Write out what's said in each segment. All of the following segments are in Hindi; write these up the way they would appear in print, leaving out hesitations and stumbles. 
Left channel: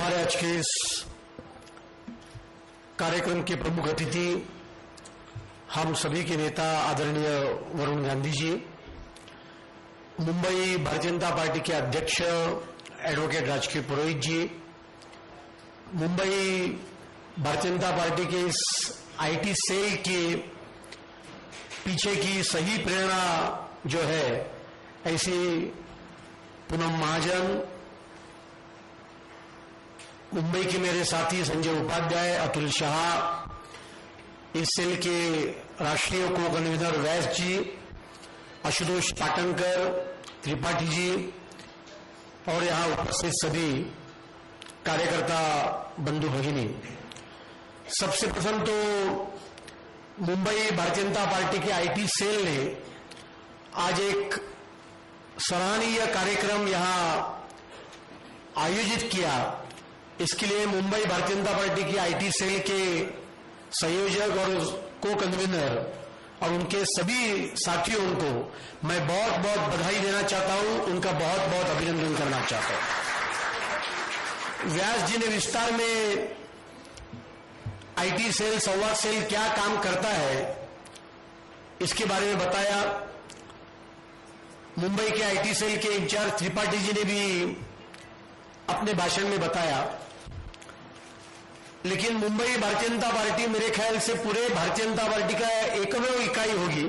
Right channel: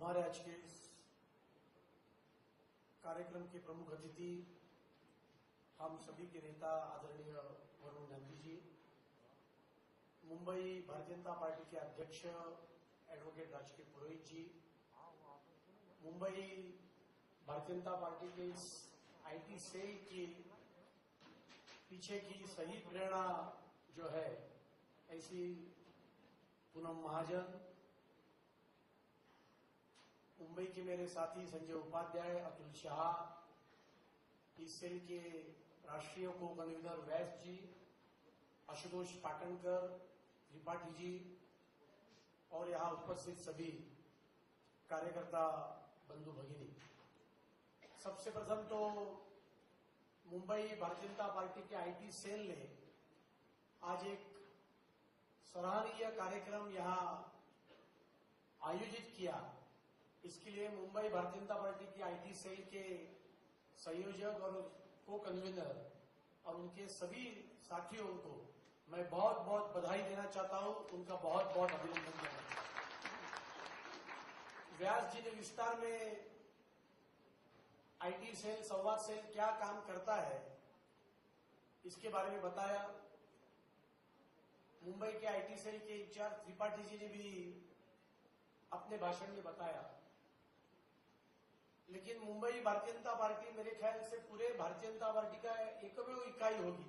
हमारे आज के इस कार्यक्रम के प्रमुख अतिथि हम सभी के नेता आदरणीय वरुण गांधी जी, मुंबई भारतीय जनता पार्टी के अध्यक्ष एडवोकेट राजकीय पुरोहित जी, मुंबई भारतीय जनता पार्टी के इस आईटी सेल के पीछे की सही प्रेरणा जो है ऐसी पूनम महाजन, मुंबई के मेरे साथी संजय उपाध्याय, अतुल शाह, इस सेल के राष्ट्रीय को कन्वीनर वैस जी, आशुतोष पाटनकर, त्रिपाठी जी और यहां उपस्थित सभी कार्यकर्ता बंधु भगिनी। सबसे प्रथम तो मुंबई भारतीय जनता पार्टी के आईटी सेल ने आज एक सराहनीय कार्यक्रम यहां आयोजित किया। इसके लिए मुंबई भारतीय जनता पार्टी की आईटी सेल के संयोजक और को कन्वीनर और उनके सभी साथियों को मैं बहुत बहुत बधाई देना चाहता हूं, उनका बहुत बहुत अभिनंदन करना चाहता हूं। व्यास जी ने विस्तार में आईटी सेल, संवाद सेल क्या काम करता है इसके बारे में बताया। मुंबई के आईटी सेल के इंचार्ज त्रिपाठी जी ने भी अपने भाषण में बताया। लेकिन मुंबई भारतीय जनता पार्टी मेरे ख्याल से पूरे भारतीय जनता पार्टी का एकमेव इकाई होगी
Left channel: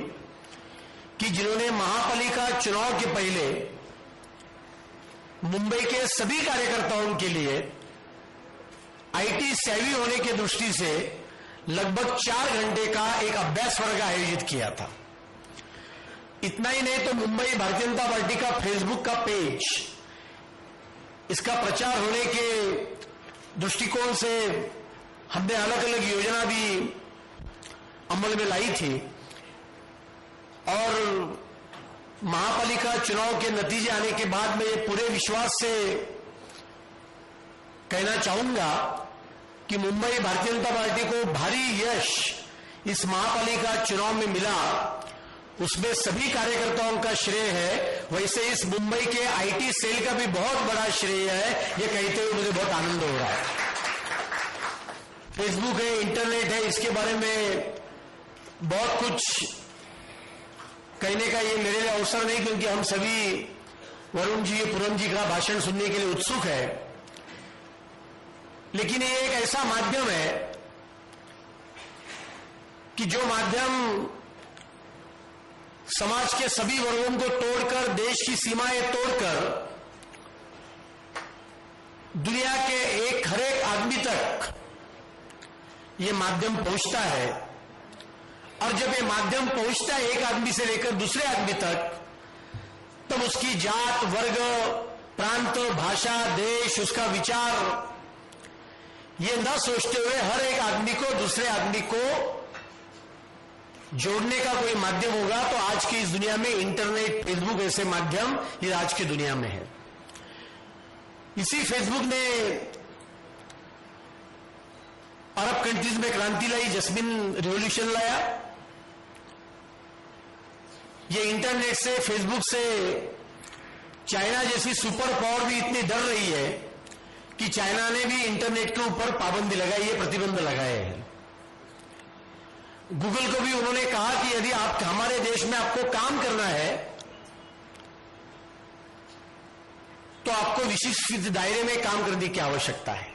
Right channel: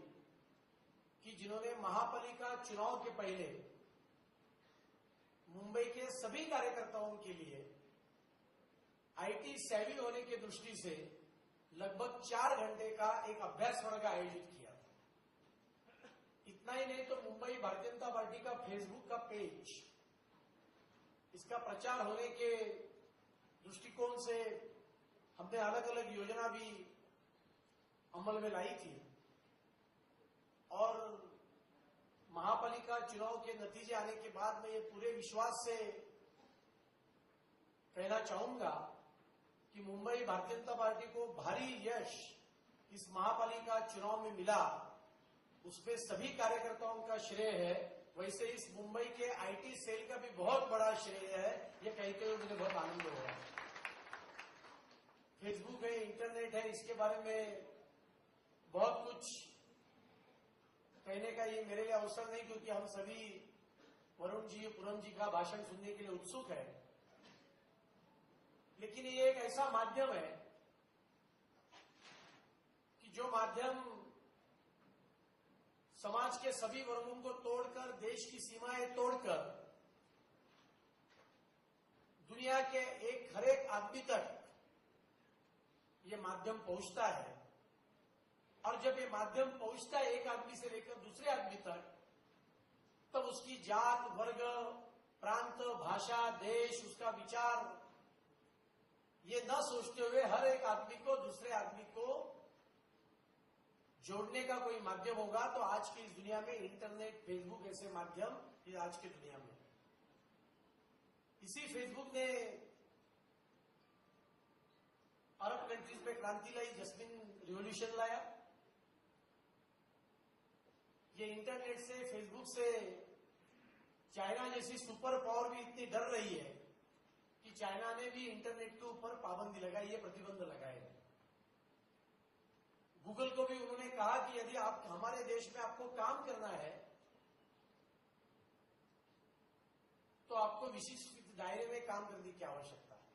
कि जिन्होंने महापालिका चुनाव के पहले मुंबई के सभी कार्यकर्ताओं के लिए आईटी सेवी होने की दृष्टि से लगभग 4 घंटे का एक अभ्यास वर्ग आयोजित किया था। इतना ही नहीं तो मुंबई भारतीय जनता पार्टी का फेसबुक का पेज, इसका प्रचार होने के दृष्टिकोण से हमने अलग अलग योजना भी अमल में लाई थी और महापालिका चुनाव के नतीजे आने के बाद मैं ये पूरे विश्वास से कहना चाहूंगा कि मुंबई भारतीय जनता पार्टी को भारी यश इस महापालिका चुनाव में मिला, उसमें सभी कार्यकर्ताओं का श्रेय है। वैसे इस मुंबई के आईटी सेल का भी बहुत बड़ा श्रेय है, ये कहते हुए मुझे बहुत आनंद हो रहा है। फेसबुक है, इंटरनेट है, इसके बारे में बहुत कुछ कहने का ये मेरे लिए अवसर नहीं, क्योंकि हम सभी वरुण जी, पूनम जी का भाषण सुनने के लिए उत्सुक है। लेकिन ये एक ऐसा माध्यम है कि जो माध्यम समाज के सभी वर्गों को तोड़कर, देश की सीमाएं तोड़कर दुनिया के हर एक आदमी तक ये माध्यम पहुंचता है। और जब ये माध्यम पहुंचता है एक आदमी से लेकर दूसरे आदमी तक, तब उसकी जात, वर्ग, प्रांत, भाषा, देश, उसका विचार, ये न सोचते हुए हर एक आदमी को दूसरे आदमी को जोड़ने का कोई माध्यम होगा तो आज की इस दुनिया में इंटरनेट, फेसबुक ऐसे माध्यम ये आज की दुनिया में है। इसी फेसबुक ने अरब कंट्रीज में क्रांति लाई, जस्मिन रिवॉल्यूशन लाया। ये इंटरनेट से, फेसबुक से चाइना जैसी सुपर पावर भी इतनी डर रही है कि चाइना ने भी इंटरनेट के ऊपर पाबंदी लगाई है, प्रतिबंध लगाए हैं। गूगल को भी उन्होंने कहा कि यदि आप हमारे देश में आपको काम करना है तो आपको विशिष्ट दायरे में काम करने की आवश्यकता है।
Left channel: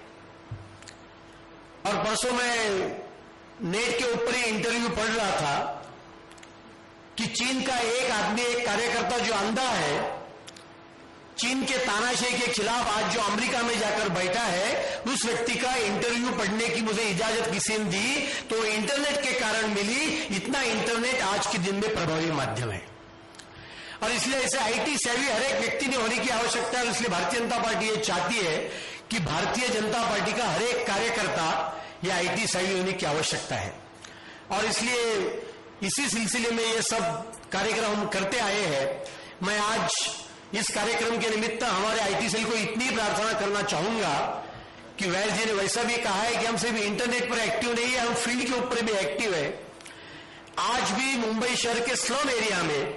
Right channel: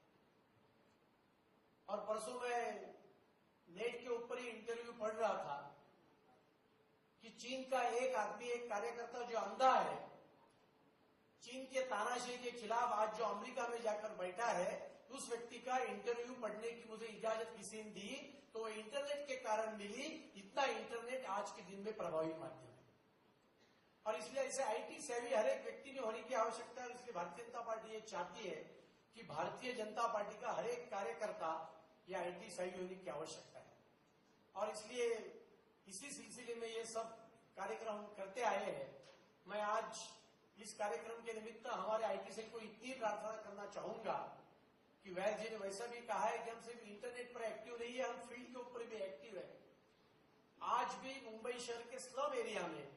और परसों मैं नेट के ऊपर ही इंटरव्यू पढ़ रहा था कि चीन का एक आदमी, एक कार्यकर्ता जो अंधा है, चीन के तानाशाही के खिलाफ आज जो अमेरिका में जाकर बैठा है, उस व्यक्ति का इंटरव्यू पढ़ने की मुझे इजाजत किसी ने दी तो इंटरनेट के कारण मिली। इतना इंटरनेट आज के दिन में प्रभावी माध्यम है और इसलिए ऐसे आईटी सेवी हर एक व्यक्ति ने होने की आवश्यकता है। इसलिए भारतीय जनता पार्टी ये चाहती है कि भारतीय जनता पार्टी का हर एक कार्यकर्ता ये आईटी सेवी होने की आवश्यकता है। और इसलिए इसी सिलसिले में ये सब कार्यक्रम हम करते आए हैं। मैं आज इस कार्यक्रम के निमित्त हमारे आईटी सेल को इतनी प्रार्थना करना चाहूंगा कि वैस जी ने वैसा भी कहा है कि हम सिर्फ इंटरनेट पर एक्टिव नहीं है, हम फील्ड के ऊपर भी एक्टिव है। आज भी मुंबई शहर के स्लम एरिया में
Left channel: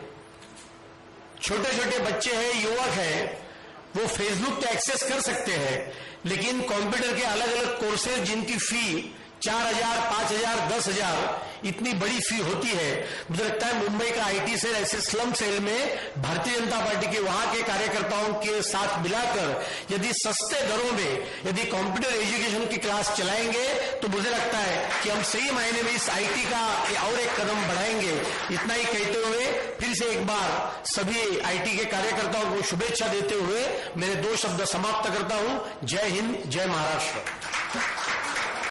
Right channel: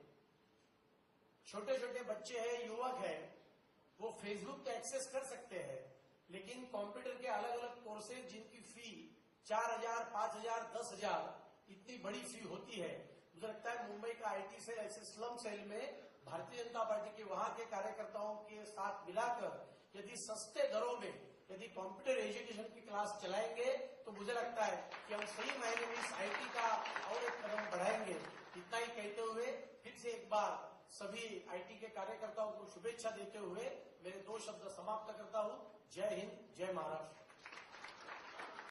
छोटे छोटे बच्चे हैं, युवक हैं, वो फेसबुक तो एक्सेस कर सकते हैं, लेकिन कंप्यूटर के अलग अलग कोर्सेज जिनकी फी 4,000, 5,000, 10,000 इतनी बड़ी फी होती है, मुझे लगता है मुंबई का आईटी सेल ऐसे स्लम सेल में भारतीय जनता पार्टी के वहां के कार्यकर्ताओं के साथ मिलाकर यदि सस्ते दरों में यदि कंप्यूटर एजुकेशन की क्लास चलाएंगे तो मुझे लगता है कि हम सही मायने में इस आईटी का और एक कदम बढ़ाएंगे। इतना ही कहते हुए फिर से एक बार सभी आईटी के कार्यकर्ताओं को शुभेच्छा देते हुए मेरे 2 शब्द समाप्त करता हूं। जय हिंद, जय महाराष्ट्र।